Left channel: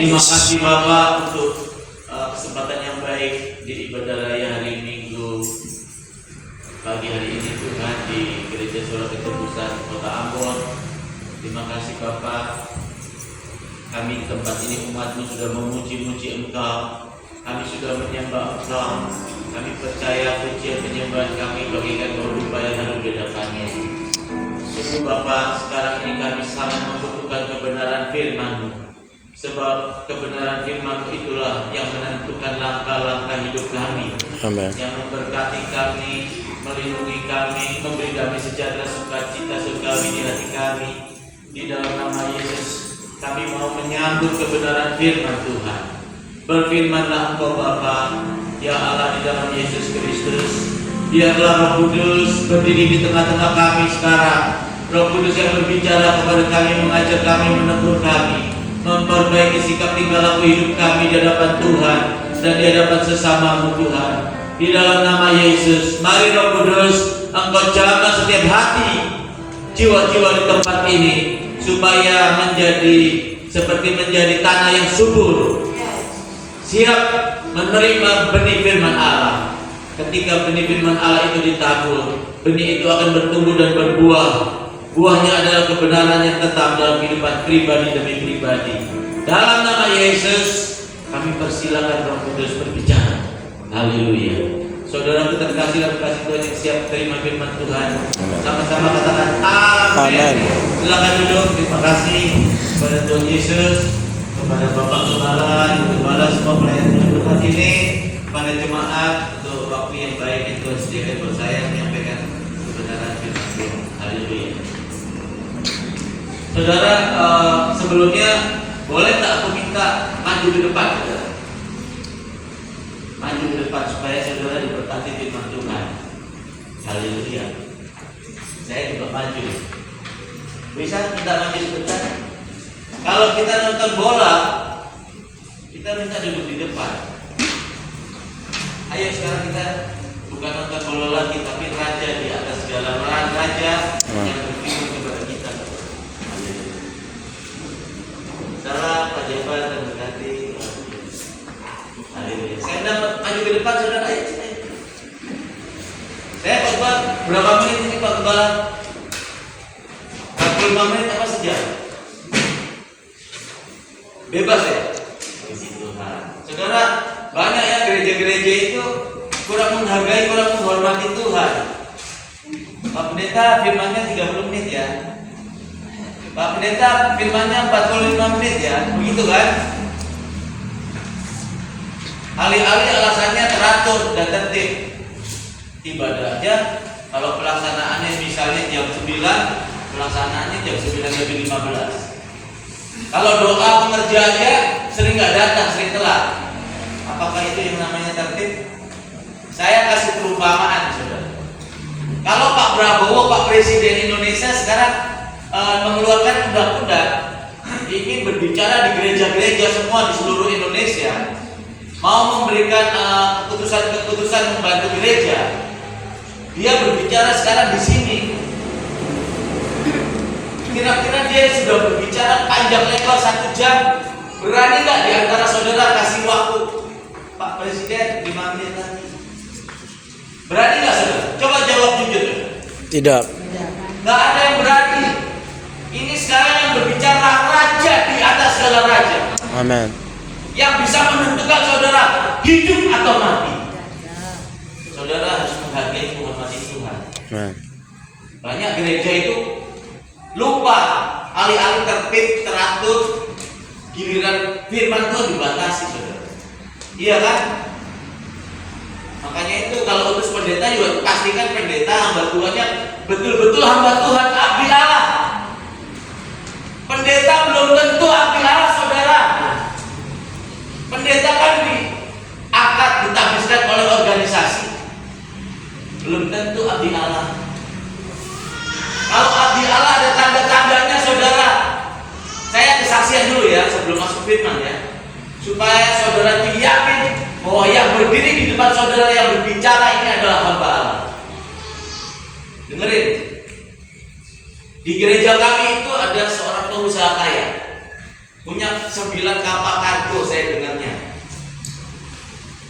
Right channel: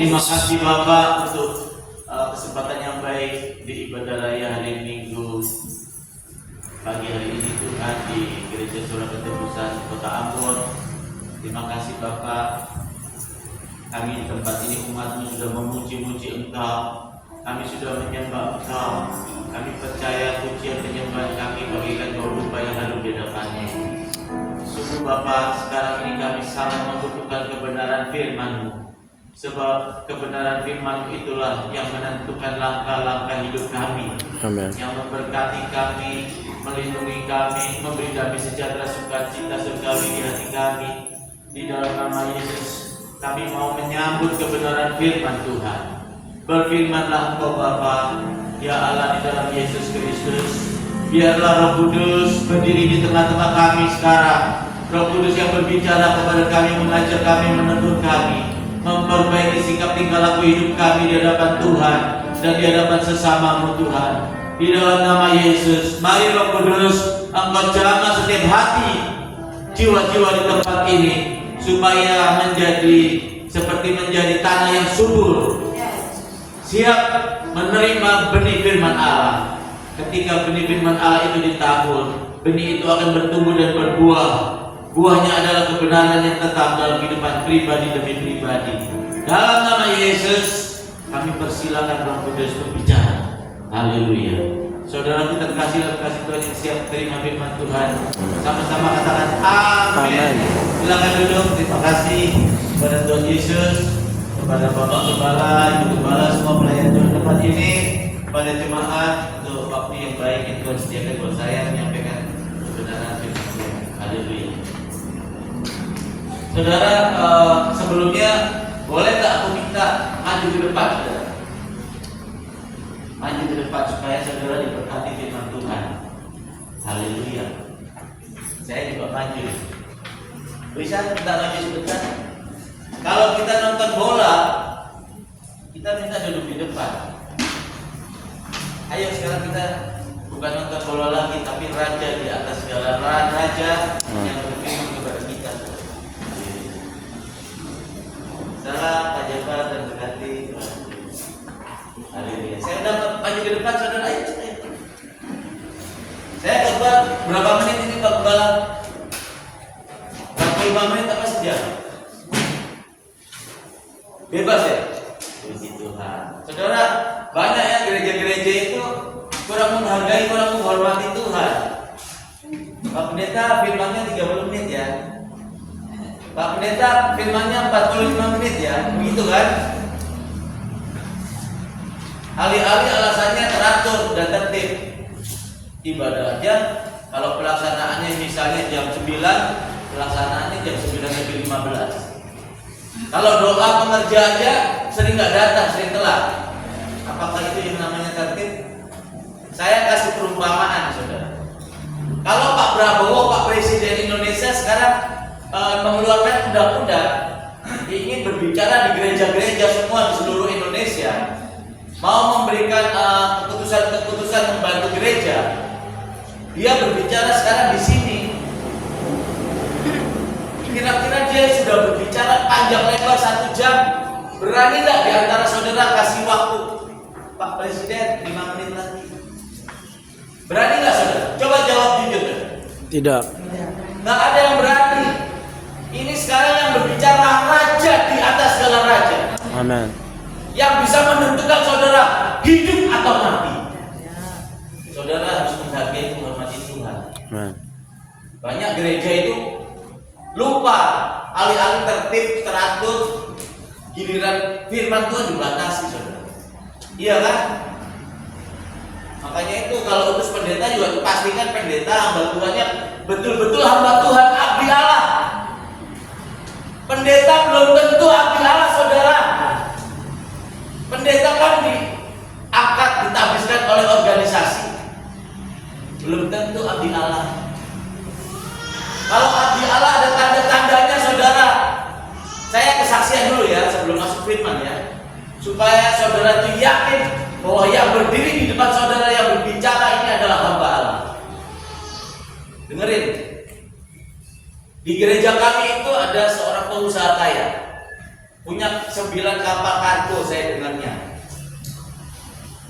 Terima kasih Bapak untuk kesempatan yang baik di ibadah raya hari Minggu pagi hari ini Tuhan di Gereja Surat Ketebusan Kota Ambon. Terima kasih Bapak. Kami di tempat ini umat-Mu sudah memuji-muji Engkau. Kami sudah menyembah Engkau. Kami percaya pujian penyembahan kami bagikan kehidupan yang harum di hadapan-Mu. Sungguh Bapak, sekarang ini kami sama membutuhkan kebenaran firman-Mu. Sebab kebenaran firman itulah yang menentukan langkah-langkah hidup kami. Amin. Yang memberkati kami, melindungi kami, memberi kami sejahtera sukacita surgawi di hati kami. Di dalam nama Yesus kami mau menyambut kebenaran firman Tuhan. Berfirmanlah Engkau Bapa, ya Allah, di dalam Yesus Kristus. Biarlah Roh Kudus berdiri di tengah-tengah kami sekarang. Roh Kudus yang berbicara kepada kami, mengajar kami, menegur kami, memperbaiki sikap tingkah laku hidup kami di hadapan Tuhan dan di hadapan sesama-Mu Tuhan. Di dalam nama Yesus, mari Roh Kudus, Engkau jaga setiap hati jiwa-jiwa di tempat ini supaya menjadi tanah yang subur, siap menerima benih firman Allah. Ketika benih firman Allah itu ditabur, benih itu akan bertumbuh dan berbuah. Buahnya adalah kebenaran yang tetap dalam kehidupan pribadi demi pribadi. Dalam nama Yesus, kami persilakan Roh Kudus berbicara. Haleluya. Saudara kita terkasih dan terkasih Tuhan yang siap terima firman Tuhan, sama-sama katakan amin. Silakan duduk. Terima kasih kepada Tuhan Yesus, kepada Bapak Gembala, Ibu Gembala, semua pelayan Tuhan tempat ini, kepada jemaat untuk waktu yang baik yang Tuhan sediakan buat saya menyampaikan kebenaran firman Tuhan. Haleluya. Saudara, sebelumnya boleh tak aku minta maju ke depan, saudara? Maju ke depan supaya saudara diberkati firman Tuhan. Haleluya. Saya juga maju. Bisa kita maju sebentar? Kalau kita nonton bola, kita minta duduk di depan. Ayo sekarang kita bukan nonton bola lagi, tapi raja di atas segala raja yang berfirman kepada kita. Salam Pak Jabar dan berkati. Haleluya. Saya udah maju ke depan, saudara. Ayo. Saya coba berapa menit ini Pak Gembala? 45 menit apa sejam? Bebas ya? Puji Tuhan. Saudara, banyak ya gereja-gereja itu kurang menghargai, kurang menghormati Tuhan. Pak Pendeta firmannya 30 menit ya. Pak Pendeta firmannya 45 menit ya. Begitu kan? Alih-alih alasannya teratur dan tertib. Ibadahnya kalau pelaksanaannya misalnya jam 9, pelaksanaannya jam 9:15. Kalau doa pengerjaannya sering nggak datang, sering telat. Apakah itu yang namanya tertib? Saya kasih perumpamaan, saudara. Kalau Pak Prabowo, Pak Presiden Indonesia sekarang mengeluarkan undang-undang, ingin berbicara di gereja-gereja semua di seluruh Indonesia, mau memberikan keputusan-keputusan membantu gereja. Dia berbicara sekarang di sini. Kira-kira dia sudah berbicara panjang lebar 1 jam. Berani nggak di antara saudara kasih waktu Pak Presiden 5 menit lagi? Berani nggak saudara? Coba jawab jujur. Tidak. Nggak ada yang berani. Ini sekarang yang berbicara raja di atas segala raja. Amin. Yang bisa menentukan saudara hidup atau mati. Saudara harus menghargai, menghormati Tuhan. Amin. Banyak gereja itu lupa, alih-alih tertib, teratur, giliran firman Tuhan dibatasi, saudara. Iya kan? Makanya itu kalau urus pendeta juga pastikan pendeta hamba Tuhannya betul-betul hamba Tuhan, abdi Allah. Pendeta belum tentu abdi Allah, saudara. Pendeta kan diangkat, ditabiskan oleh organisasi. Belum tentu abdi Allah. Kalau abdi Allah ada tanda-tandanya, saudara. Saya kesaksian dulu ya sebelum masuk firman ya, supaya saudara yakin bahwa yang berdiri di depan saudara yang berbicara ini adalah hamba Allah. Dengerin. Di gereja kami itu ada seorang pengusaha kaya. punya 9 kapal kargo saya dengarnya.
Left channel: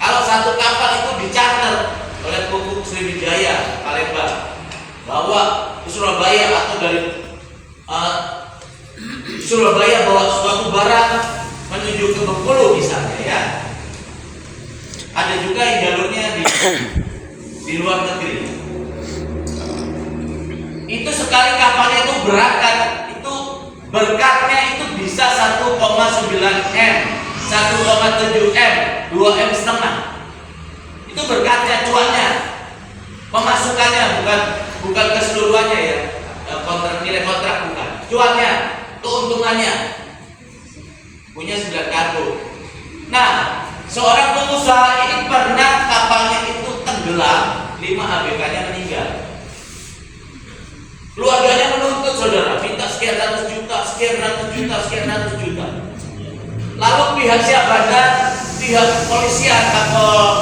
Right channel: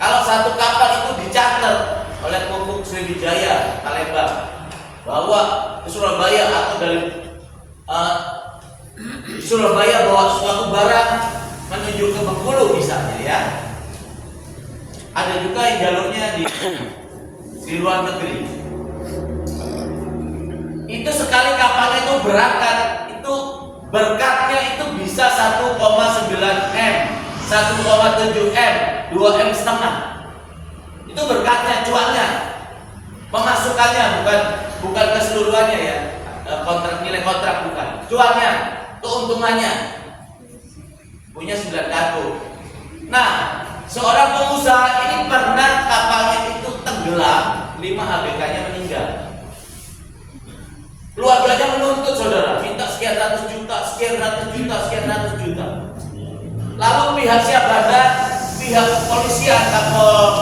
Kalau satu kapal itu dicatat oleh Pupuk Sriwijaya Palembang bawa ke Surabaya atau dari Surabaya bawa suatu barang menuju ke Bengkulu misalnya ya. Ada juga yang jalurnya di luar negeri. Itu sekali kapalnya itu berangkat, itu berkatnya itu bisa 1,9 M, 1,7 M, 2 M setengah. Itu berkatnya, cuannya, pemasukannya, bukan keseluruhannya ya, nilai kontrak bukan, cuannya, keuntungannya, punya 9 kargo. Nah, seorang pengusaha ini pernah kapalnya itu tenggelam, 5 ABK-nya meninggal. Keluarganya menuntut saudara, minta sekian ratus juta, sekian ratus juta, sekian ratus juta. Lalu pihak Syahbandar, pihak kepolisian,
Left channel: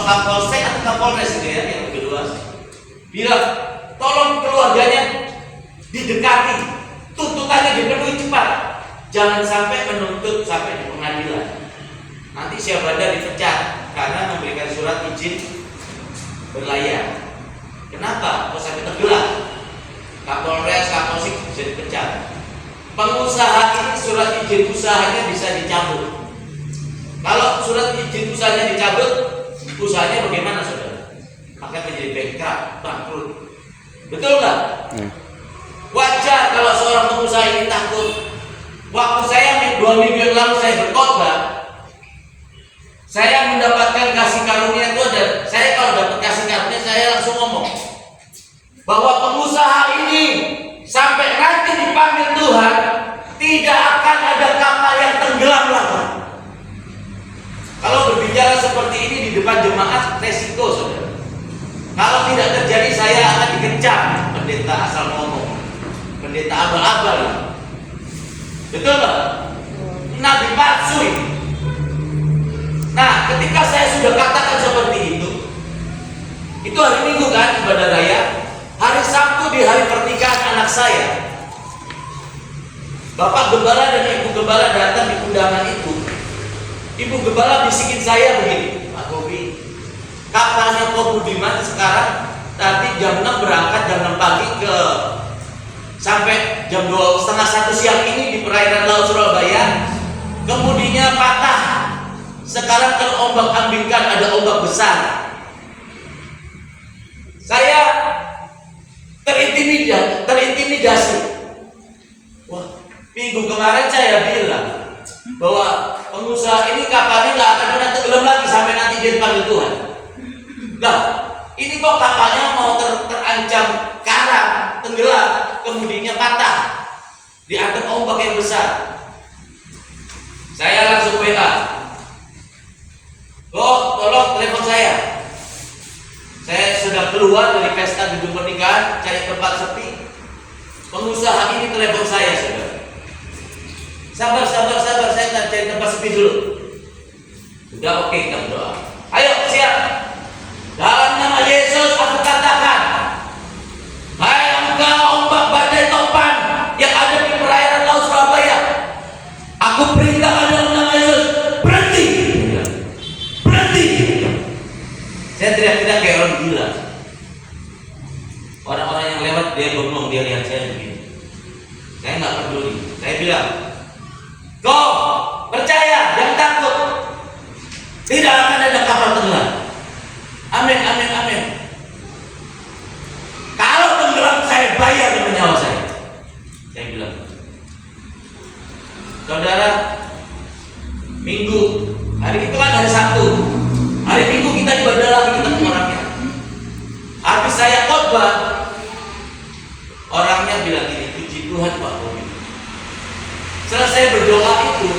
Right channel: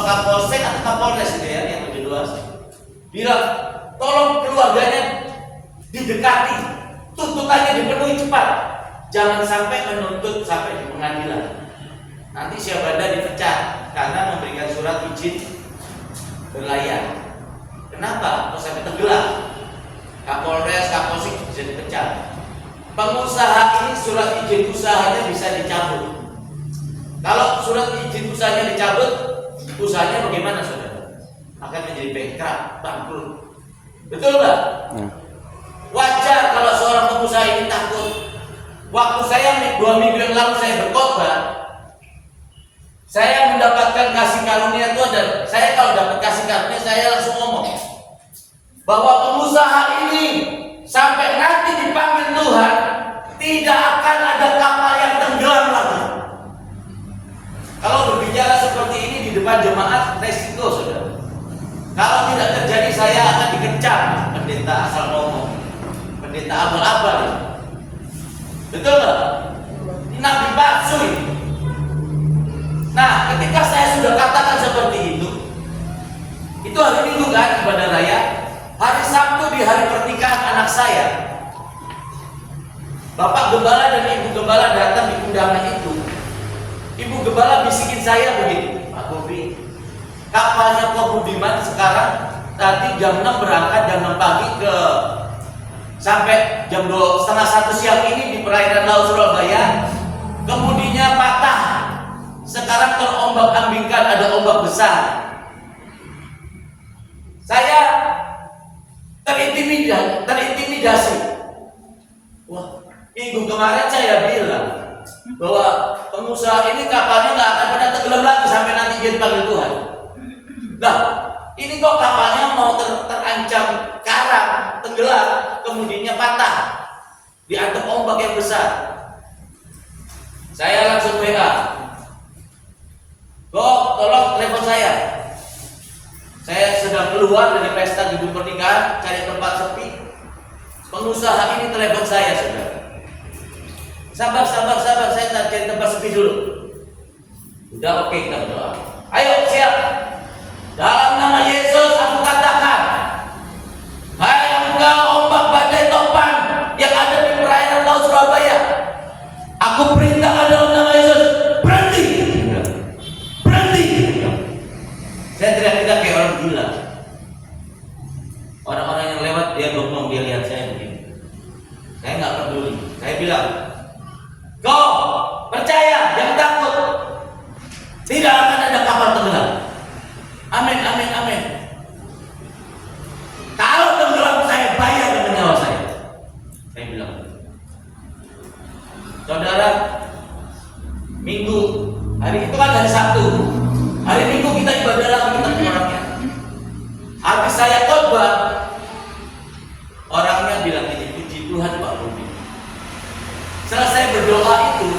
Kapolsek atau Kapolres itu ya, yang lebih luas, bilang tolong keluarganya didekati, tuntutannya dipenuhi cepat, jangan sampai menuntut sampai di pengadilan. Nanti Syahbandar dipecat karena memberikan surat izin berlayar. Kenapa? Kok sampai tenggelam? Kapolres, Kapolsek bisa dipecat. Pengusaha ini surat izin usahanya bisa dicabut. Kalau surat izin usahanya dicabut, usahanya bagaimana saudara? Akan menjadi bankrupt, bangkrut. Betul nggak? Wajar kalau seorang pengusaha ini takut. Waktu saya 2 minggu yang lalu saya berkhotbah, saya mendapatkan kasih karunia itu ada. Saya kalau dapat kasih karunia saya langsung ngomong bahwa pengusaha ini sampai nanti dipanggil Tuhan tidak akan ada kapal yang tenggelam lagi. Kalau berbicara seperti ini di depan jemaat resiko saudara. Kalau tidak terjadi saya akan dikencam pendeta asal ngomong, pendeta abal-abal. Betul nggak? Nabi palsu ini. Nah, ketika saya sudah katakan seperti itu hari Minggu kan ibadah raya. Hari Sabtu di hari pernikahan anak saya, Bapak Gembala dan Ibu Gembala datang di undangan itu. Ibu Gembala bisikin saya begini, Pak Bobi, kapalnya Pak Budiman sekarang tadi jam 6 berangkat, jam 6 pagi ke sampai jam 2:30 siang ini di perairan Laut Surabaya, kemudinya patah. Sekarang kalau ombak ambingkan ada ombak besar. Saya terintimidasi. Wah, minggu kemarin saya bilang bahwa pengusaha ini kapalnya nggak akan pernah tenggelam lagi sampai nanti dia dipanggil Tuhan. Nah, ini kok kapalnya mau terancam karang, tenggelam, kemudiannya patah, dihantam ombak yang besar. Saya langsung WA, tolong telepon saya. Saya sudah keluar dari pesta gedung pernikahan, cari tempat sepi. Pengusaha ini telepon saya sudah. Sabar, saya cari tempat sepi dulu. Sudah, oke, kita berdoa. Ayo, siap. Dalam nama Yesus aku katakan, hai engkau ombak badai topan yang ada di perairan Laut Surabaya, aku perintahkan dalam nama Yesus, berhenti. Saya tidak kayak orang gila. Orang-orang yang lewat dia bengong, dia lihat saya begini. Saya nggak peduli. Saya bilang, kau percaya, jangan takut. Tidak akan ada kapal tenggelam. Amin. Kalau tenggelam saya bayar dengan nyawa saya. Saya bilang, saudara, Minggu, hari itu kan hari Sabtu. Hari Minggu kita ibadah lagi ketemu orangnya. Habis saya khotbah, orangnya bilang ini, puji Tuhan Pak Bobi. Selesai berdoa itu,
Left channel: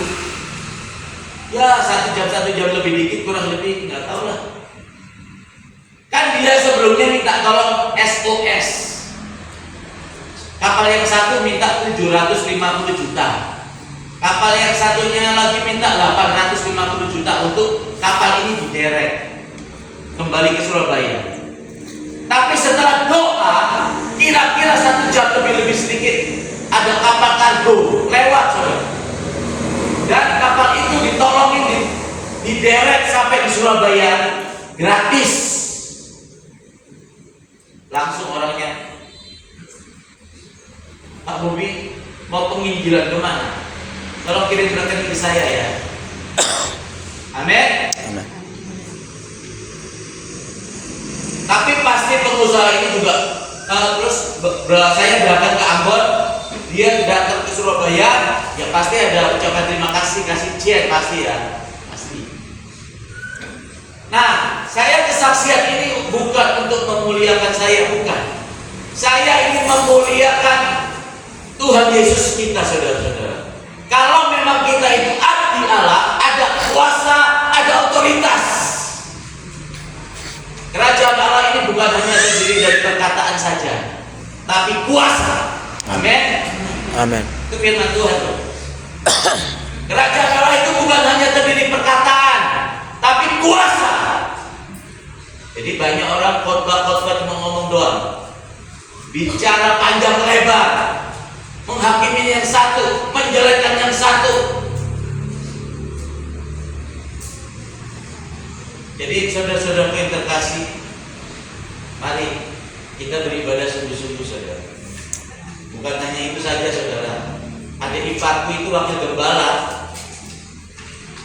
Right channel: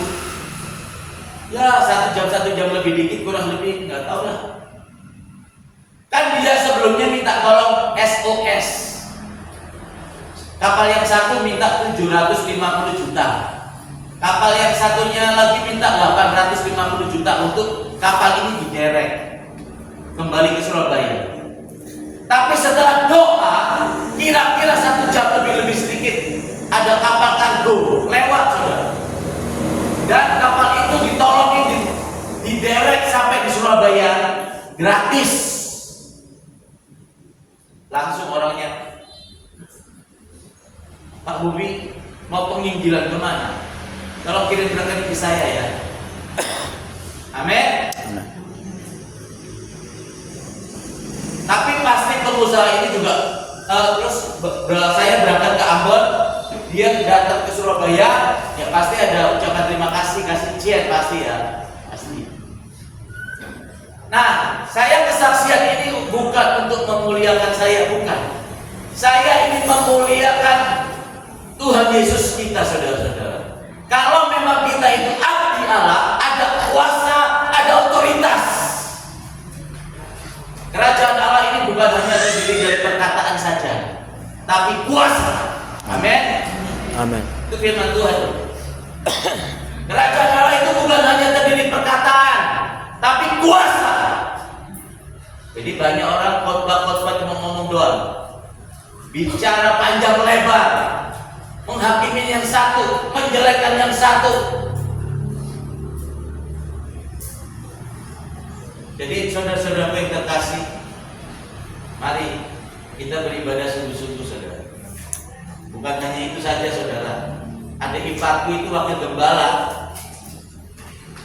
ya 1 jam lebih dikit, kurang lebih nggak tahu lah. Kan dia sebelumnya minta tolong SOS. Kapal yang satu minta 750 juta. Kapal yang satunya lagi minta 850 juta untuk kapal ini diderek kembali ke Surabaya. Tapi setelah doa, kira-kira 1 jam lebih sedikit, ada kapal kargo lewat saudara. Dan Surabaya gratis. Langsung orangnya, Pak Bobi mau penginjilan kemana? Tolong kirim rekening ke saya ya. Amin. Amin. Tapi pasti pengusaha ini juga saya datang ke Ambon, dia datang ke Surabaya, ya pasti ada ucapan terima kasih, kasih chat pasti ya, pasti. Nah, saya kesaksian ini bukan untuk memuliakan saya, bukan. Saya ingin memuliakan Tuhan Yesus kita, saudara-saudara. Kalau memang kita itu abdi Allah, ada kuasa, ada otoritas. Kerajaan Allah ini bukan hanya terdiri dari perkataan saja, tapi kuasa. Amin. Amin. Itu firman Tuhan. Kerajaan Allah itu bukan hanya terdiri perkataan, tapi kuasa. Jadi banyak orang khotbah-khotbah cuma ngomong doang, bicara panjang lebar, menghakimi yang satu, menjelekkan yang satu. Jadi saudara-saudara yang terkasih, mari kita beribadah sungguh-sungguh, saudara. Bukan hanya itu saja, saudara. Adik iparku itu wakil gembala,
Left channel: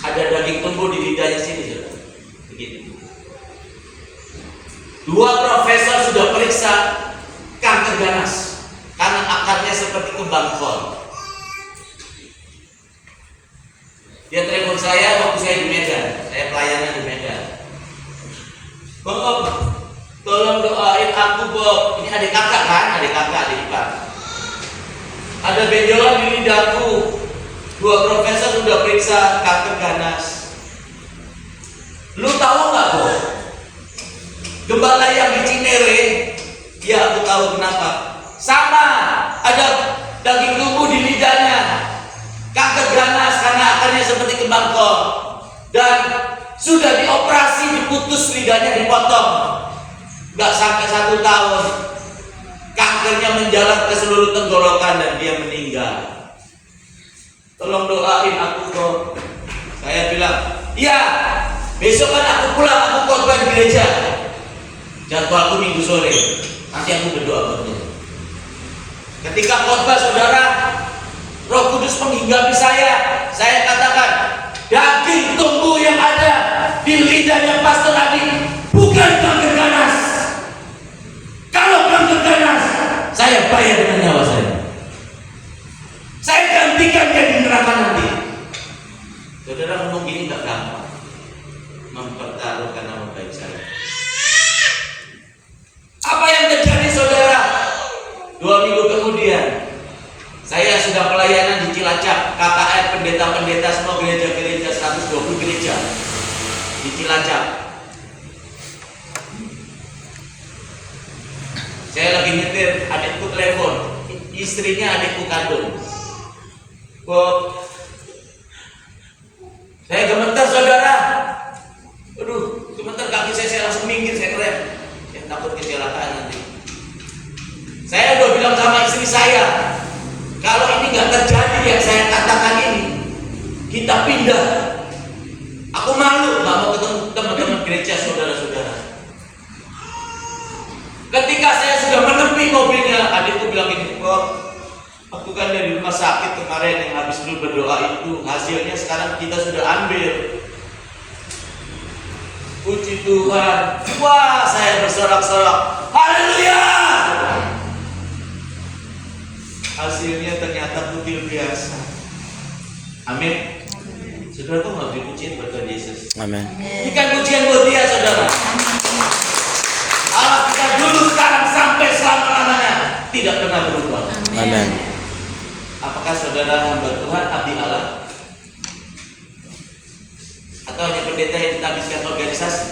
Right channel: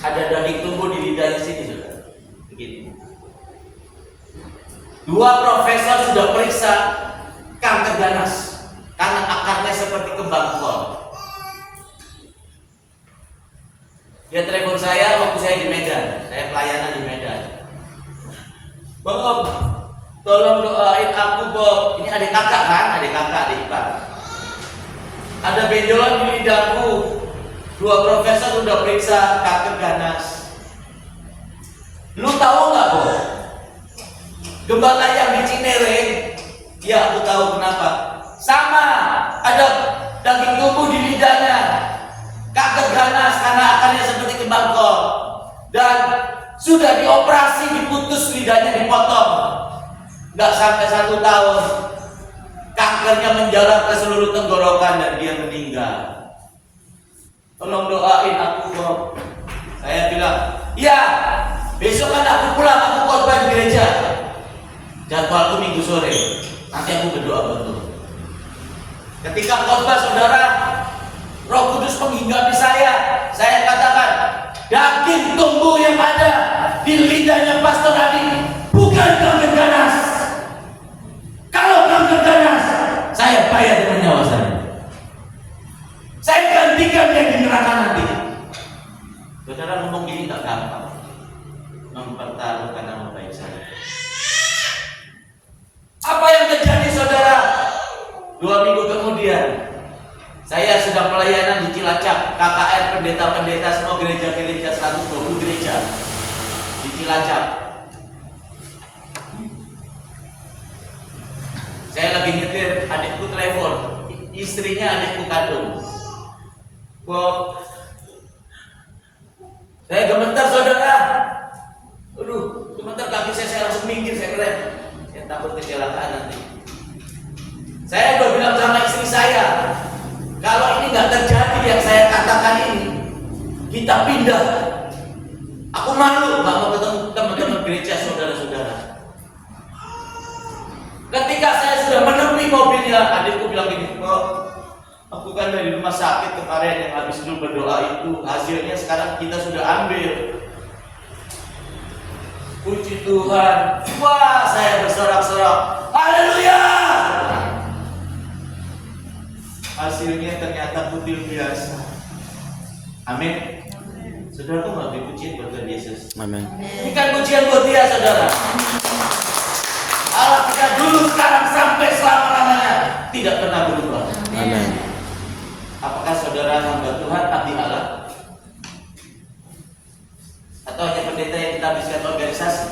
ada daging tumbuh di lidahnya sini, saudara. Begitu. 2 profesor sudah periksa kanker ganas karena akarnya seperti kembang kol. Dia telepon saya waktu saya di Medan, saya pelayanan di Medan. Bob, tolong doain aku, Bob. Ini adik kakak kan? Adik kakak, adik ipar. Ada benjolan di lidahku. 2 profesor sudah periksa kanker ganas. Lu tahu nggak, Bob? Gembala yang di Cinere, ya aku tahu kenapa. Sama, ada daging tumbuh di lidahnya. Kanker ganas karena akarnya seperti kembang kol. Dan sudah dioperasi, diputus lidahnya, dipotong. Gak sampai 1 tahun, kankernya menjalar ke seluruh tenggorokan dan dia meninggal. Tolong doain aku, Bob. Saya bilang, iya, besok kan aku pulang, aku khotbah di gereja. Jadwalku Minggu sore, nanti aku berdoa betul. Ketika khotbah, saudara, Roh Kudus menghinggapi saya katakan, daging tumbuh yang ada di lidahnya Pastor Adi bukan kanker ganas. Kalau kanker ganas, saya bayar dengan nyawa saya. Saya gantikan dia di neraka nanti. Saudara ngomong gini gak gampang, mempertaruhkan nama baik saya. Apa yang terjadi, saudara? 2 minggu kemudian, saya sudah pelayanan di Cilacap, KKR, pendeta-pendeta semua gereja-gereja, 120 gereja di Cilacap. Saya lagi nyetir, adikku telepon, istrinya adikku kandung. Bob, saya gemetar, saudara. Aduh, gemetar kaki saya langsung minggir, saya keren. Saya takut kecelakaan nanti. Saya udah bilang sama istri saya, kalau ini nggak terjadi yang saya katakan ini, kita pindah. Aku malu nggak mau ketemu teman-teman gereja, saudara-saudara. Ketika saya sudah menepi mobilnya, adikku bilang ini, Bob, aku kan dari rumah sakit kemarin yang habis dulu berdoa itu, hasilnya sekarang kita sudah ambil. Puji Tuhan. Wah, saya bersorak-sorak. Haleluya. Hasilnya ternyata kutil biasa. Amin. Saudara tuh nggak dipujiin buat Tuhan Yesus. Amin. Ini kan pujian buat dia, saudara. Allah kita dulu, sekarang, sampai selama-lamanya tidak pernah berubah. Amin. Apakah saudara hamba Tuhan, abdi Allah? Atau hanya pendeta yang ditabiskan organisasi?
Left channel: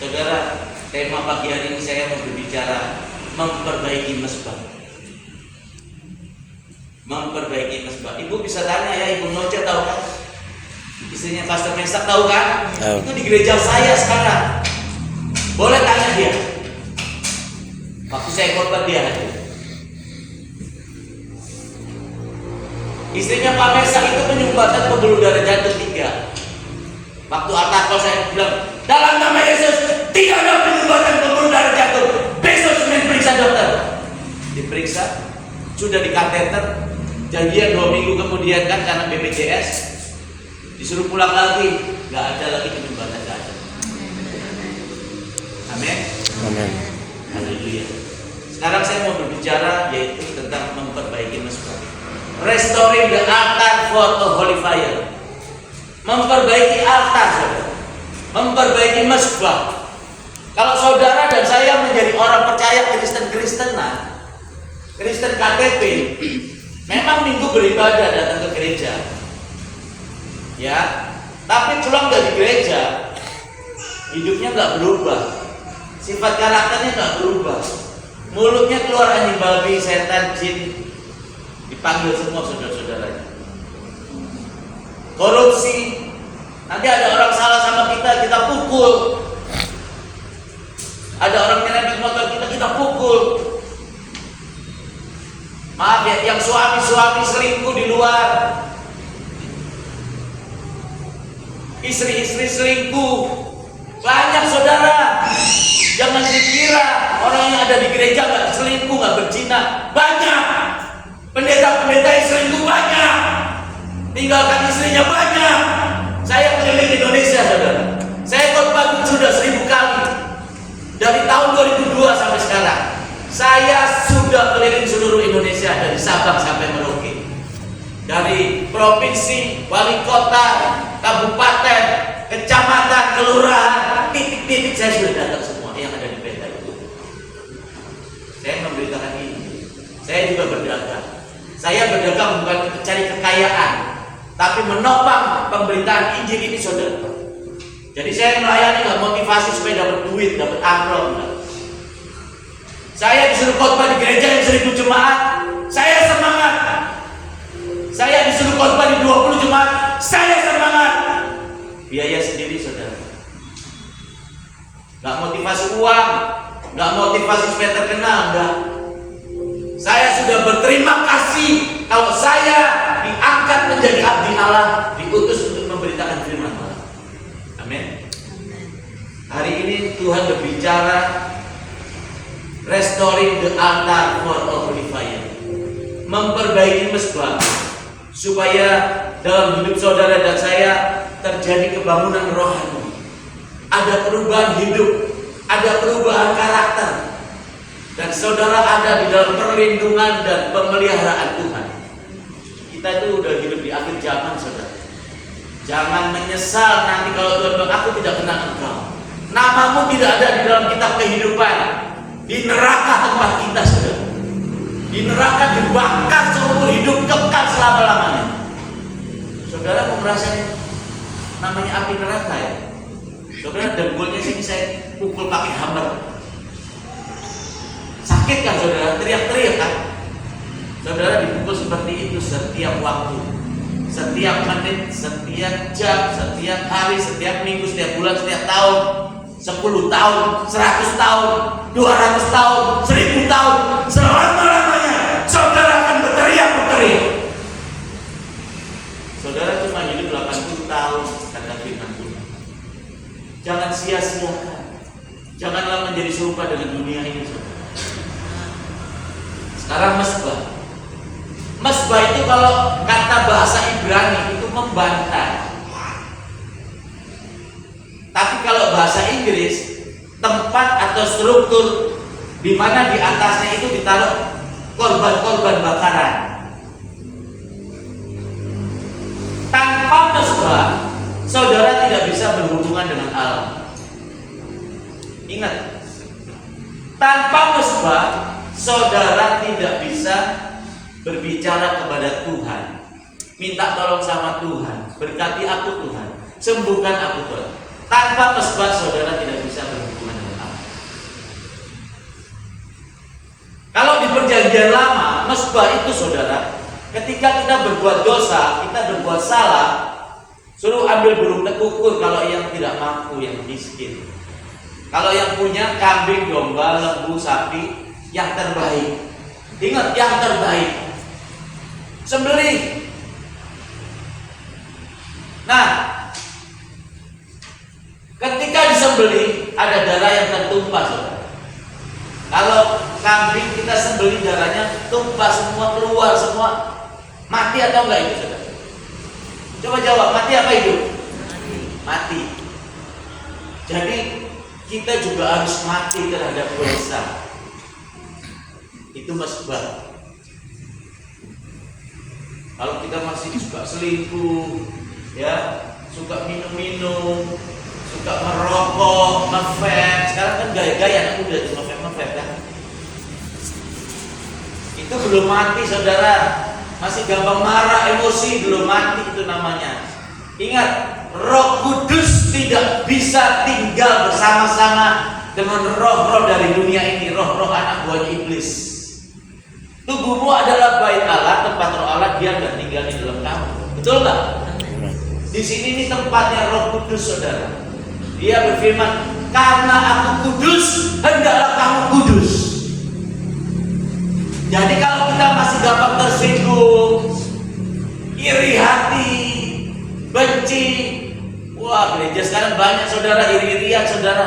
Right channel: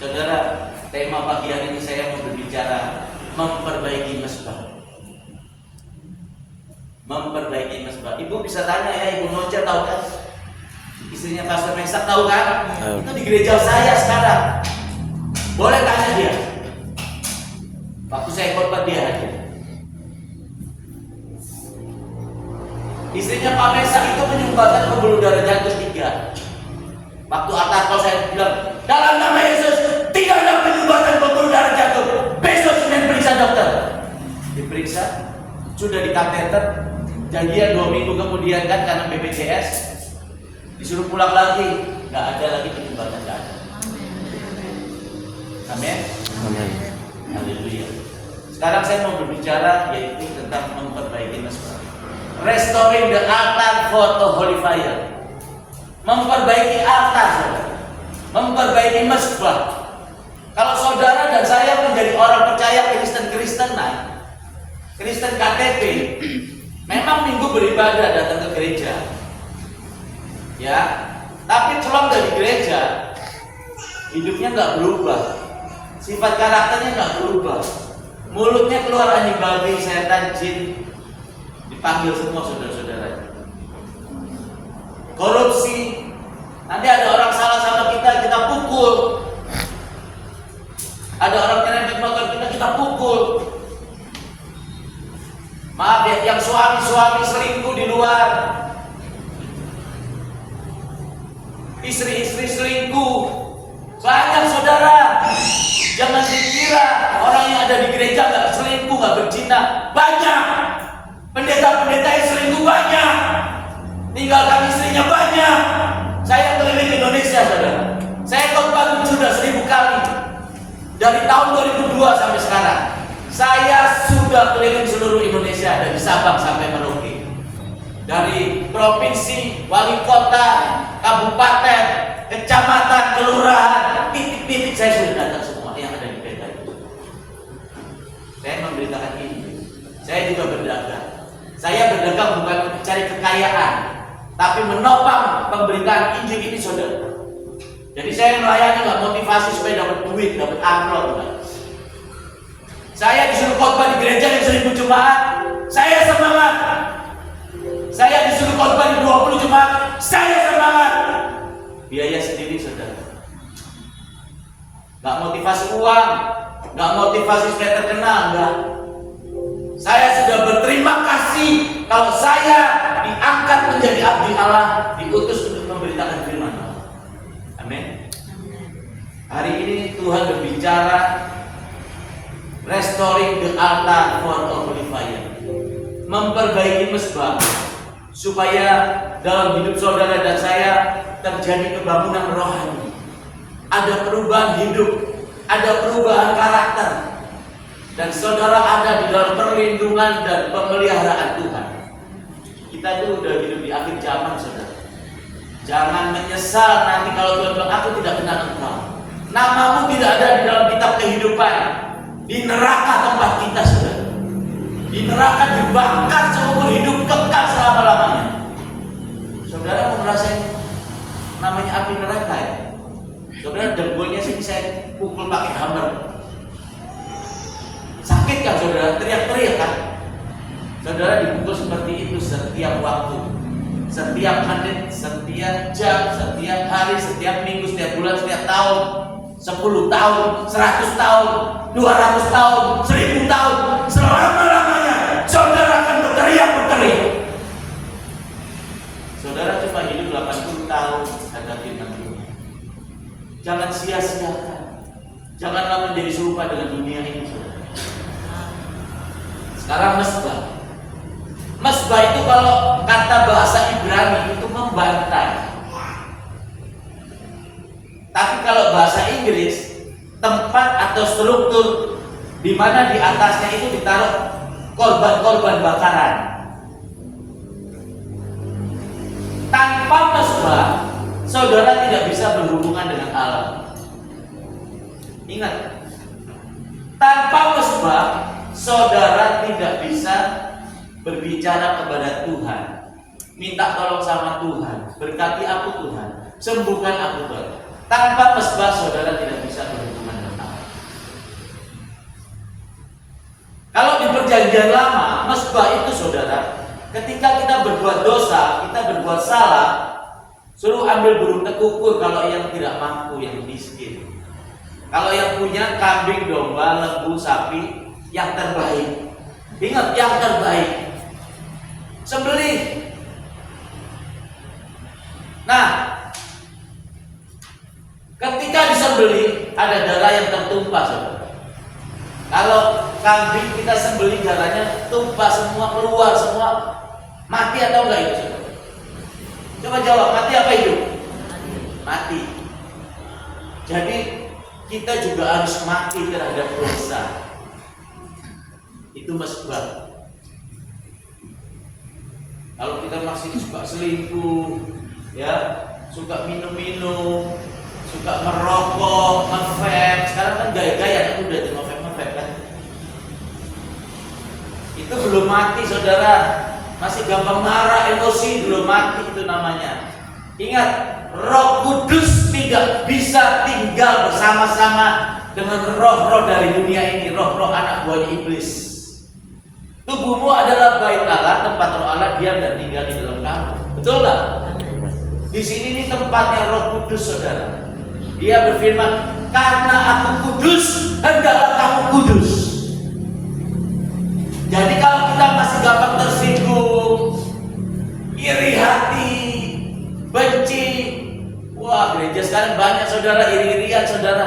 Saudara, tema pagi hari ini saya mau berbicara memperbaiki mesbah. Memperbaiki mesbah. Ibu bisa tanya ya, Ibu Noce tahu kan? Istrinya Pastor Mesak tahu kan? Itu di gereja saya sekarang. Boleh tanya dia. Waktu saya khotbah dia hadir. Istrinya Pak Mesak itu menyumbangkan pembuluh darah jantung 3. diperiksa, sudah dikateter, janjian 2 minggu kemudian kan karena BPJS, disuruh pulang lagi, nggak ada lagi ketibatan, nggak ada. Amin. Haleluya. Sekarang saya mau berbicara yaitu tentang memperbaiki mesbah. Restoring the altar for the holy fire. Memperbaiki altar, saudara. Memperbaiki mesbah. Kalau saudara dan saya menjadi orang percaya Kristen-Kristenan, Kristen KTP, memang minggu beribadah datang ke gereja, ya. Tapi pulang dari gereja, hidupnya nggak berubah, sifat karakternya nggak berubah, mulutnya keluar anjing babi, setan, jin, dipanggil semua saudara-saudara. Korupsi, nanti ada orang salah sama kita pukul. Ada orang nyerempet motor kita pukul. Maaf ya, yang suami selingkuh di luar, istri selingkuh, banyak saudara. Jangan dikira orang yang ada di gereja nggak selingkuh, nggak berzina. Banyak pendeta-pendeta yang selingkuh, banyak tinggalkan istrinya, banyak. Saya keliling Indonesia, saudara. Saya khotbah sudah 1000 kali dari tahun 2002 sampai sekarang. Saya sudah keliling seluruh Indonesia dari Sabang sampai Merauke, dari provinsi, wali kota, kabupaten, kecamatan, kelurahan, titik-titik saya sudah datang semua yang ada di Peta. Saya memberitakan ini. Saya juga berdagang. Saya berdagang bukan untuk cari kekayaan, tapi menopang pemberitaan Injil ini, saudara. Jadi saya melayani nggak motivasi supaya dapat duit, dapat amplop. Saya disuruh khotbah di gereja yang 1000 jemaat, saya semangat. Saya disuruh khotbah di 20 jemaat, saya semangat. Biaya sendiri, saudara. Nggak motivasi uang, nggak motivasi supaya terkenal, enggak. Saya sudah berterima kasih kalau saya diangkat menjadi abdi Allah, diutus untuk memberitakan firman Allah. Amin. Hari ini Tuhan berbicara restoring the altar for the holy fire. Memperbaiki mesbah supaya dalam hidup saudara dan saya terjadi kebangunan rohani. Ada perubahan hidup, ada perubahan karakter. Dan saudara ada di dalam perlindungan dan pemeliharaan Tuhan. Kita itu udah hidup di akhir zaman, saudara. Jangan menyesal nanti kalau Tuhan bilang aku tidak kenal engkau. Namamu tidak ada di dalam kitab kehidupan. Di neraka tempat kita, saudara. Di neraka dibakar seumur hidup, kekal selama-lamanya. Saudara mau ngerasain namanya api neraka ya? Saudara dengkulnya sini saya pukul pakai hammer. Sakit kan saudara? Teriak-teriak kan? Saudara dipukul seperti itu setiap waktu, setiap menit, setiap jam, setiap hari, setiap minggu, setiap bulan, setiap tahun, 10 tahun, 100 tahun, 200 tahun, 1000 tahun, selama-lamanya saudara akan berteriak. Saudara cuma hidup 80 tahun, kata firman Tuhan. Jangan sia-siakan. Janganlah menjadi serupa dengan dunia ini, saudara. Sekarang mesbah. Mesbah itu kalau kata bahasa Ibrani itu membantai. Tapi kalau bahasa Inggris, tempat atau struktur di mana di atasnya itu ditaruh korban-korban bakaran. Tanpa mesbah, saudara tidak bisa berhubungan dengan Allah. Ingat, tanpa mesbah, saudara tidak bisa berbicara kepada Tuhan, minta tolong sama Tuhan, berkati aku Tuhan, sembuhkan aku Tuhan. Tanpa mesbah saudara tidak bisa berhubungan dengan Allah. Kalau di perjanjian lama, mesbah itu saudara, ketika kita berbuat dosa, kita berbuat salah, suruh ambil burung tekukur kalau yang tidak mampu, yang miskin. Kalau yang punya kambing, domba, lembu, sapi, yang terbaik. Ingat, yang terbaik. Sembelih. Nah, ketika disembelih ada darah yang tertumpah, saudara. Kalau kambing kita sembelih darahnya tumpah semua, keluar semua. Mati atau enggak itu, saudara? Coba jawab, mati apa hidup? Mati. Jadi kita juga harus mati terhadap dosa. Itu mesbah. Kalau kita masih suka selingkuh, ya, suka minum-minum, suka merokok, nge-vape. Sekarang kan gaya-gaya anak muda tuh nge-vape kan. Itu belum mati, saudara. Masih gampang marah, emosi, belum mati itu namanya. Ingat, Roh Kudus tidak bisa tinggal bersama-sama dengan roh-roh dari dunia ini, roh-roh anak buahnya iblis. Tubuhmu adalah bait Allah, tempat Roh Allah diam dan tinggal di dalam kamu. Betul nggak? Di sini ini tempatnya Roh Kudus, saudara. Dia berfirman, karena aku kudus, hendaklah kamu kudus. Jadi kalau kita masih gampang tersinggung, iri hati, benci, wah gereja sekarang banyak saudara iri-irian, saudara.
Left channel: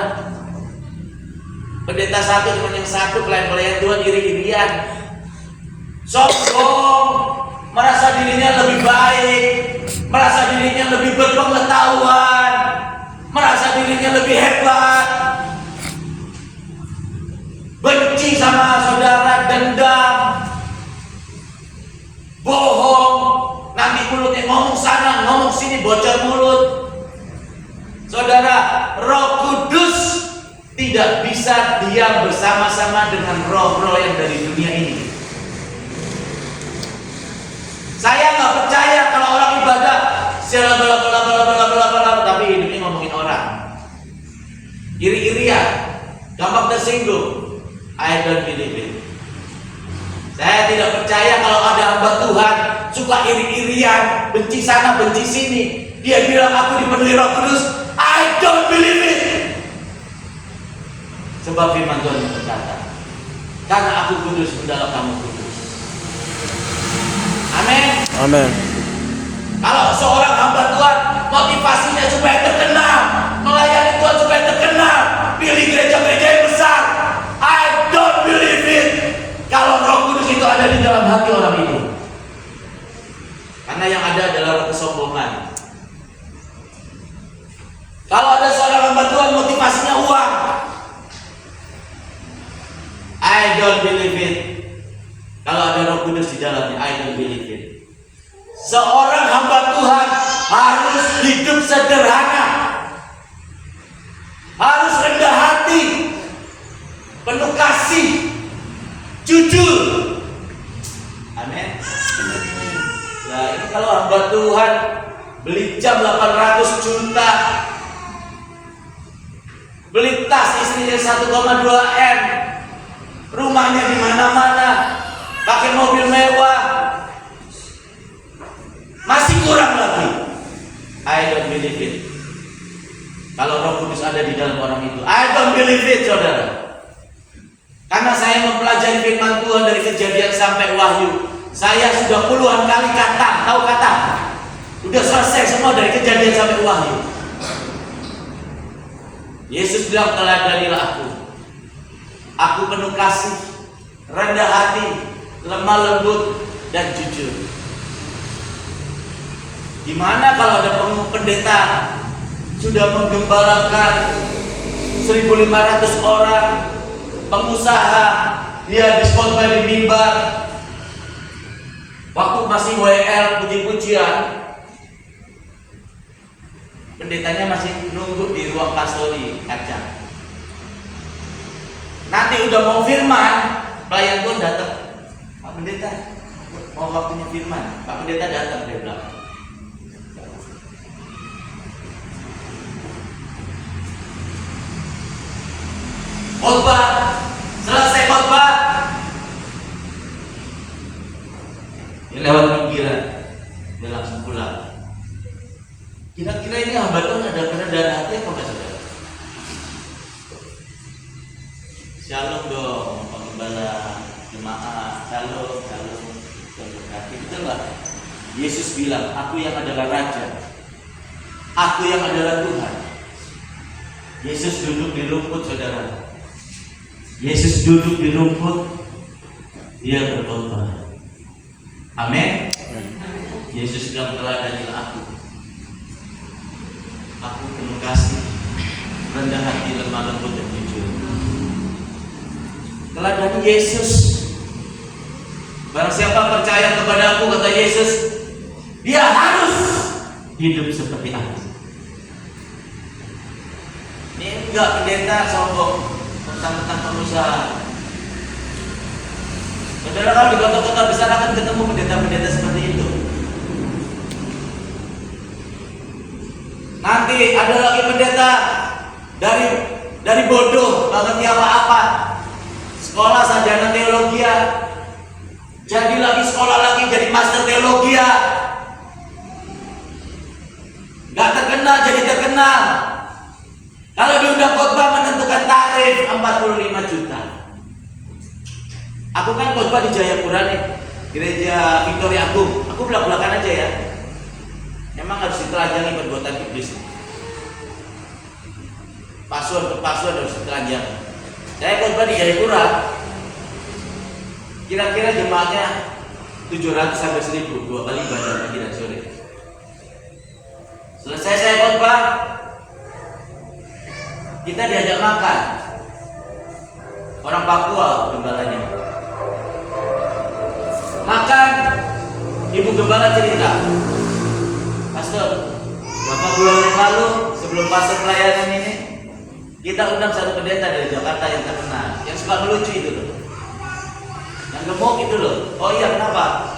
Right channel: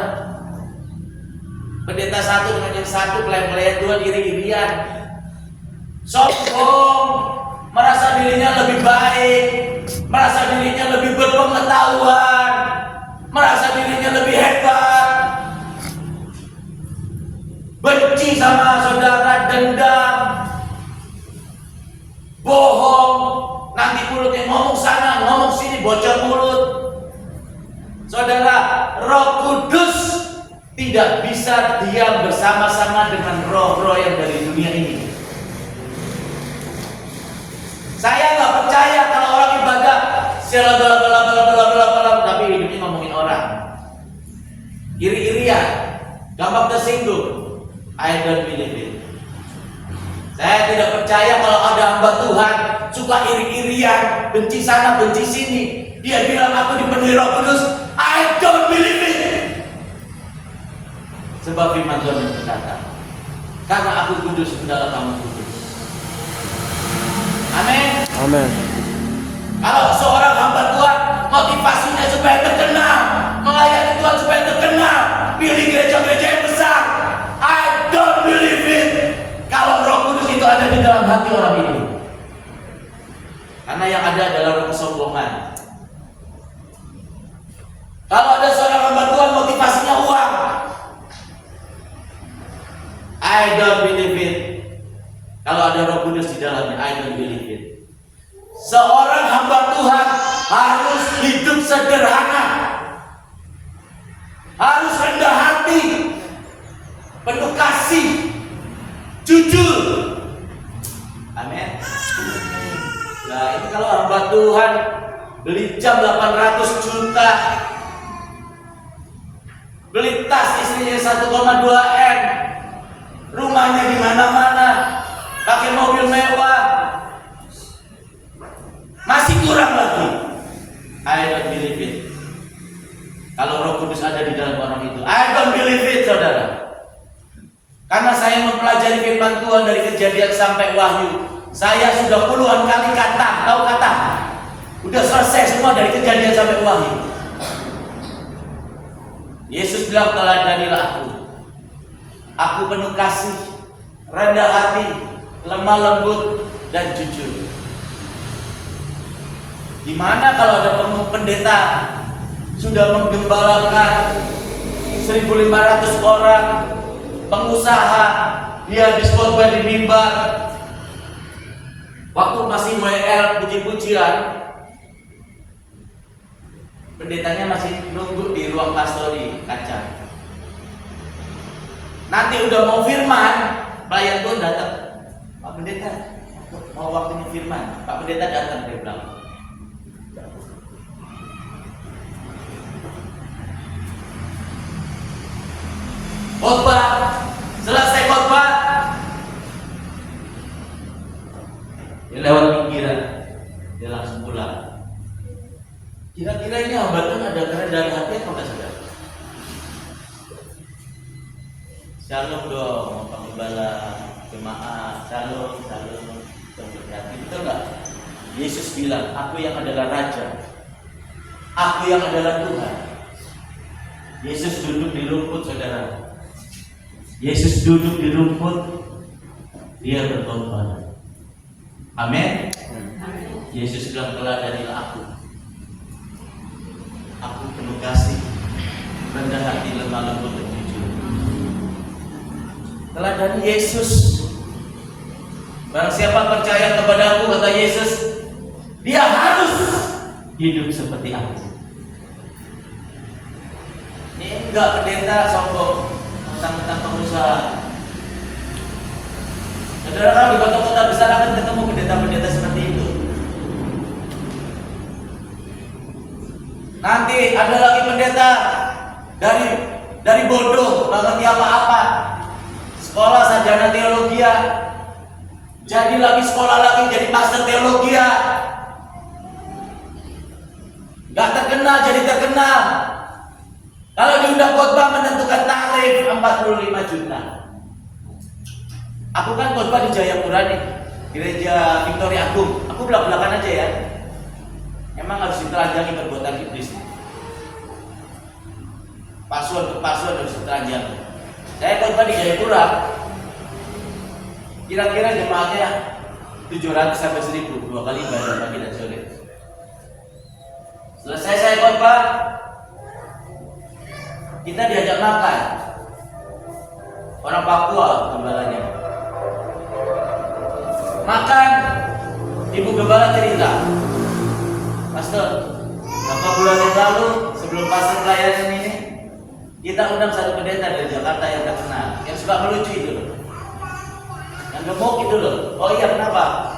Pendeta satu dengan yang satu, pelayan-pelayan Tuhan iri-irian, sombong, merasa dirinya lebih baik, merasa dirinya lebih berpengetahuan, merasa dirinya lebih hebat, benci sama saudara, dendam, bohong, nanti mulutnya ngomong sana, ngomong sini, bocor mulut. Saudara, Roh Kudus tidak bisa diam bersama-sama dengan roh-roh yang dari dunia ini. Saya nggak percaya kalau orang ibadah tapi hidupnya ngomongin orang, iri-irian, gampang tersinggung. I don't believe it. Saya tidak percaya kalau ada hamba Tuhan suka iri-irian, benci sana, benci sini. Dia bilang aku dipenuhi Roh Kudus. I don't believe it. Sebab firman Tuhan yang berkata, karena aku kudus, hendaklah kamu kudus. Amin. Amin. Kalau seorang hamba Tuhan motivasinya supaya terkenal, melayani Tuhan supaya terkenal, pilih gereja-gereja yang besar, I don't believe it. Kalau Roh Kudus itu ada di dalam hati orang itu, karena yang ada adalah kesombongan. Kalau ada seorang hamba Tuhan motivasinya uang, I don't believe it. Kalau ada Roh Kudus di dalamnya, I don't believe it. Seorang hamba Tuhan harus hidup sederhana, harus rendah hati, penuh kasih, jujur. Amin. Nah ini kalau hamba Tuhan beli jam 800 juta, beli tas istrinya 1,2 M, rumahnya di mana-mana, pakai mobil mewah, masih kurang lagi. I don't believe it. Kalau Roh Kudus ada di dalam orang itu, I don't believe it, saudara. Karena saya mempelajari firman Tuhan dari Kejadian sampai Wahyu, saya sudah puluhan kali kata, tahu kata, udah selesai semua dari Kejadian sampai Wahyu. Yesus bilang, teladanilah aku penuh kasih, rendah hati, lemah lembut, dan jujur. Gimana kalau ada pendeta sudah menggembalakan 1.500 orang, pengusaha, dia habis khotbah di mimbar, waktu masih WL puji-pujian, pendetanya masih nunggu di ruang pastori kaca. Nanti udah mau firman, pelayan pun datang. Pak Pendeta, mau waktunya firman. Pak Pendeta datang, dia bilang, khotbah, selesai khotbah, dia lewat pinggiran, dia langsung pulang. Kira-kira ini hamba Tuhan ada kerendahan hati apa enggak, saudara? Shalom dong, penggembala, jemaat, shalom. Berarti betul nggak? Yesus bilang, aku yang adalah Raja, aku yang adalah Tuhan. Yesus duduk di rumput, saudara. Yesus duduk di rumput, dia berkorban. Amin. Yesus bilang, teladanilah aku. Aku penuh kasih, rendah hati, lemah lembut dan jujur. Teladani Yesus. Barang siapa percaya kepadaku, kata Yesus, dia harus hidup seperti aku. Ini enggak pendeta sombong tentang pengusaha. Saudara, kalau di kota-kota besar akan ketemu pendeta-pendeta seperti itu. Nanti ada lagi pendeta dari bodoh, nggak ngerti apa-apa, sekolah sarjana teologi, jadi lagi sekolah lagi jadi master teologi, nggak terkenal jadi terkenal. Kalau diundang khotbah menentukan tarif 45 juta. Aku kan khotbah di Jayapura nih, gereja Victoria Agung. Aku belak-belakan aja ya. Emang harus ditelanjangi perbuatan iblis. Paslon harus ditelanjang. Saya khotbah di Jayapura. Kira-kira jemaatnya 700 sampai 1000, 2 kali ibadah pagi dan sore. Selesai saya khotbah, kita diajak makan. Orang Papua gembalanya. Makan, ibu gembala cerita, Pastor, beberapa bulan yang lalu sebelum pastor pelayanan ini, kita undang satu pendeta dari Jakarta yang terkenal, yang suka melucu itu loh, yang gemuk itu loh. Oh iya, kenapa?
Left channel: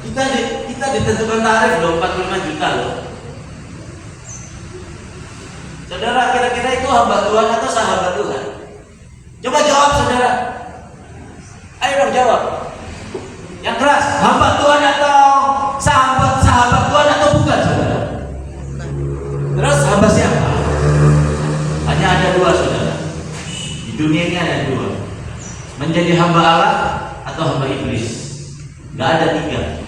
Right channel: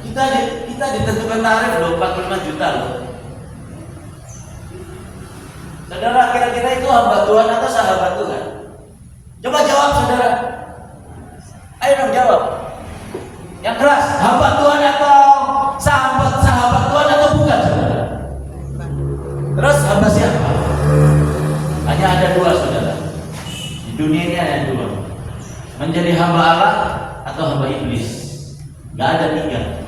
Kita ditentukan tarif loh 45 juta loh. Saudara, kira-kira itu hamba Tuhan atau sahabat Tuhan? Coba jawab, saudara. Ayo dong jawab. Yang keras, hamba Tuhan atau sahabat Tuhan atau bukan, saudara? Terus hamba siapa? Hanya ada 2, saudara. Di dunia ini ada 2. Menjadi hamba Allah atau hamba iblis. Gak ada 3.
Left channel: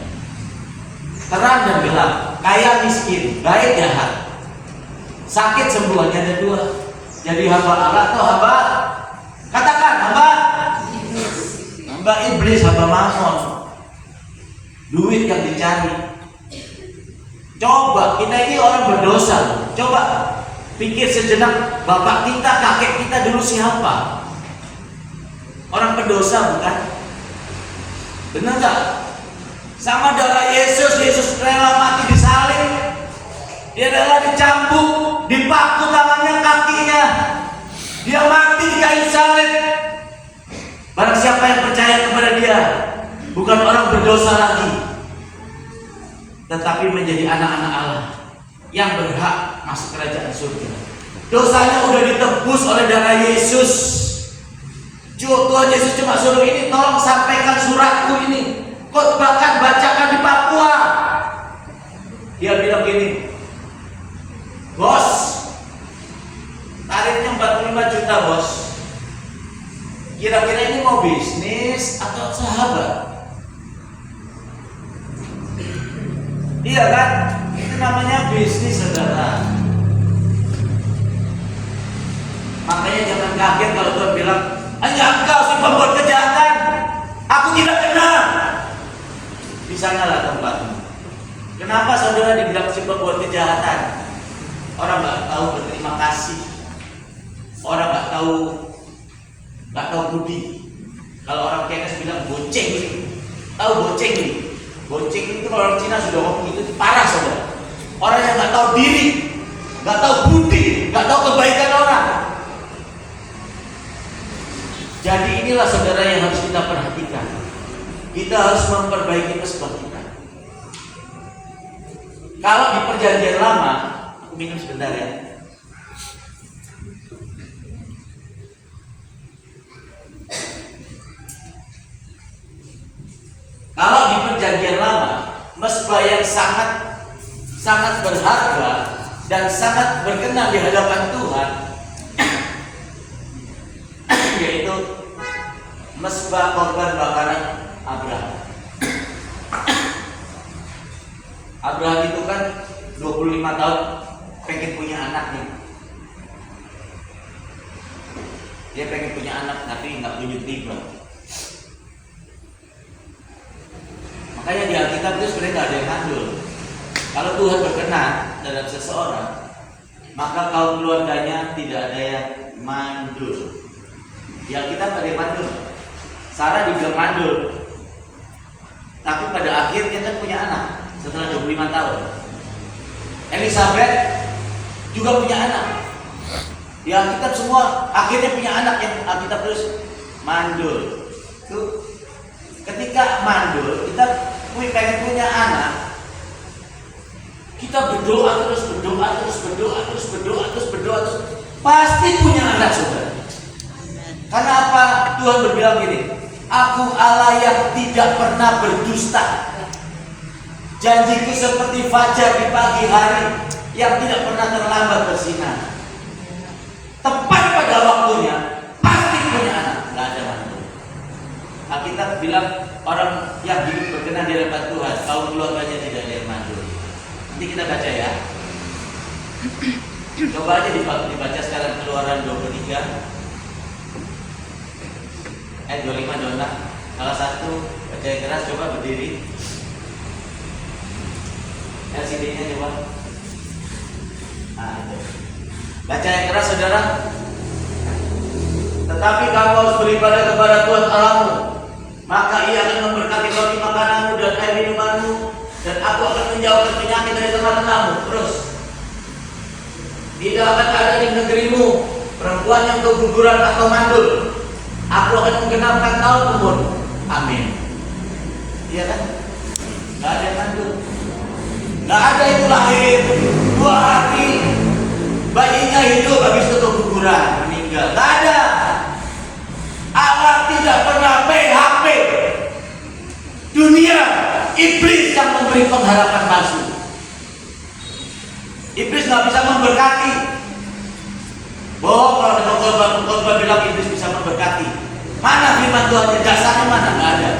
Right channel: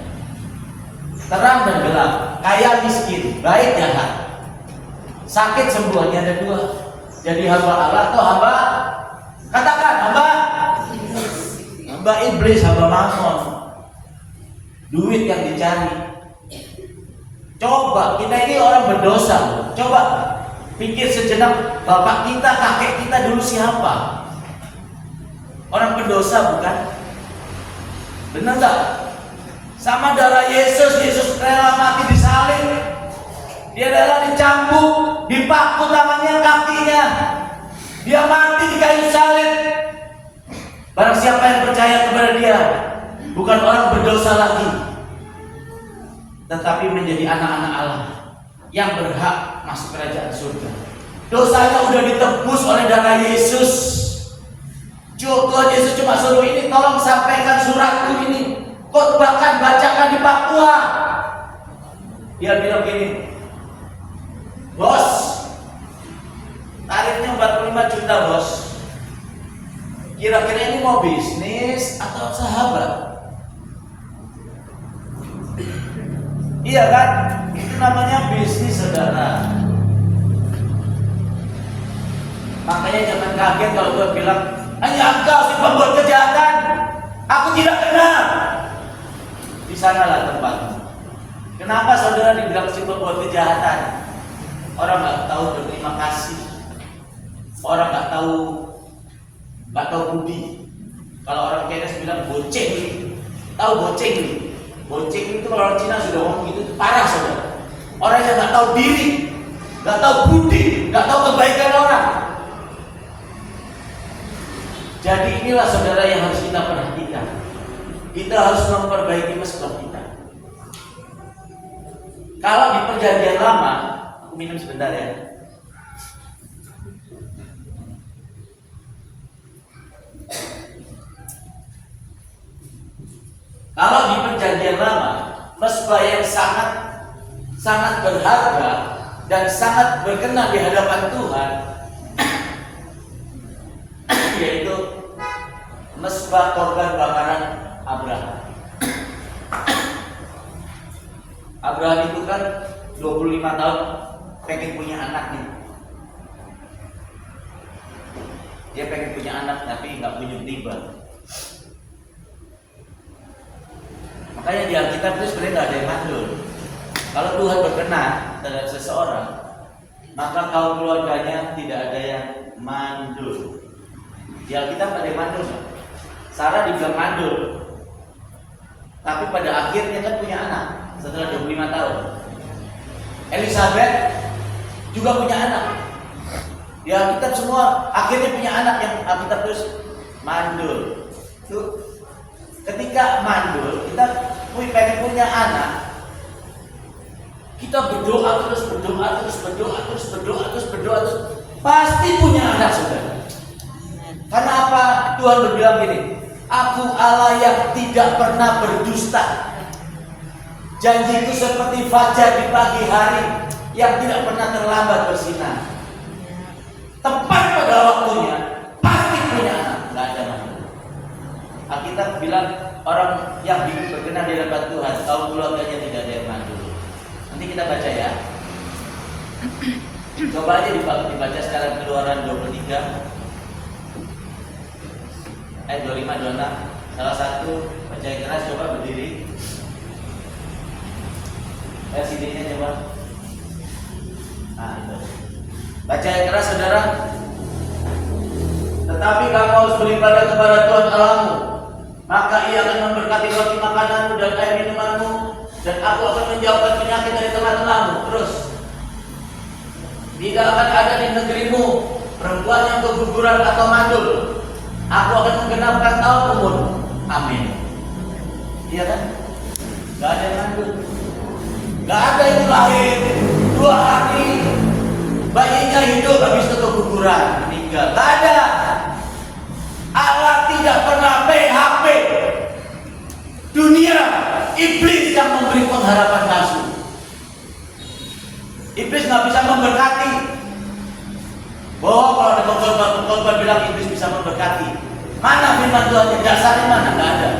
Terang dan gelap, kaya miskin, baik jahat, sakit sembuh, hanya ada 2. Jadi hamba Allah atau hamba, katakan hamba iblis, hamba mammon, duit yang dicari. Coba kita ini orang berdosa. Coba pikir sejenak, bapak kita, kakek kita dulu siapa? Orang pendosa bukan? Benar gak? Sama darah Yesus rela mati disalib. Dia rela dicambuk, dipaku tangannya, kakinya. Dia mati di kayu salib. Barang siapa yang percaya kepada dia, bukan orang berdosa lagi, tetapi menjadi anak-anak Allah yang berhak masuk kerajaan surga. Dosanya udah ditebus oleh darah Yesus. Tuhan Yesus cuma suruh ini, tolong sampaikan suratku ini, khotbahkan, bacakan di Papua. Dia bilang gini, bos, tarifnya 45 juta bos. Kira-kira ini mau bisnis atau sahabat? Iya kan? Itu namanya bisnis, saudara. Makanya jangan kaget kalau Tuhan bilang, hanya engkau si pembuat kejahatan, aku tidak kenal. Di sanalah tempatmu. Kenapa saudara dibilang si pembuat kejahatan? Orang nggak tahu berterima kasih. Orang nggak tahu budi. Kalau orang Chinese bilang goceng ini. Tahu goceng ini? Goceng itu orang Cina sudah ngomong itu parah, saudara. Orang yang nggak tahu diri, nggak tahu budi, nggak tahu kebaikan orang. Jadi inilah saudara yang harus kita perhatikan. Kita harus memperbaiki mesbah kita. Kalau di perjanjian lama, aku minum sebentar ya. Kalau di perjanjian lama, mesbah yang sangat berharga dan sangat berkenan di hadapan Tuhan, yaitu mesbah korban bakaran Abraham. Abraham itu kan 25 tahun pengen punya anak nih. Dia pengen punya anak tapi nggak kunjung tiba. dengan mandul. Tapi pada akhirnya kan punya anak setelah 25 tahun. Elizabeth juga punya anak. Di Alkitab semua akhirnya punya anak yang Alkitab terus mandul. Tuh, ketika mandul kita pengen punya anak, kita berdoa terus, pasti punya anak, saudara. Karena apa? Tuhan berbilang gini, Aku Allah yang tidak pernah berdusta. Janjiku seperti fajar di pagi hari yang tidak pernah terlambat bersinar. Tepat pada waktunya pasti punya anak, nggak ada mandul. Alkitab bilang orang yang hidup berkenan di hadapan Tuhan, kaum keluarganya tidak ada yang mandul. Nanti kita baca ya. Coba aja dibaca sekarang Keluaran 23 ayat 25, 26. Salah satu baca yang keras, coba berdiri. Ya, CD-nya coba. Nah, itu. Baca yang keras, saudara. Tetapi kamu harus beribadah kepada Tuhan Allahmu, maka Ia akan memberkati roti makananmu dan air minumanmu, dan Aku akan menjauhkan penyakit dari tengah-tengahmu. Terus, tidak akan ada di negerimu perempuan yang keguguran atau mandul. Aku akan menggenapkan tahun umur. Amin. Iya kan? Gak ada yang mandul. Gak ada yang lahir 2 hari bayinya hidup habis itu keguguran meninggal. Gak ada. Allah tidak pernah PHP. Dunia, iblis yang memberi pengharapan palsu. Iblis nggak bisa memberkati. Kalau ada khotbah bilang iblis bisa memberkati, mana firman Tuhan? Dasarnya mana? Nggak ada.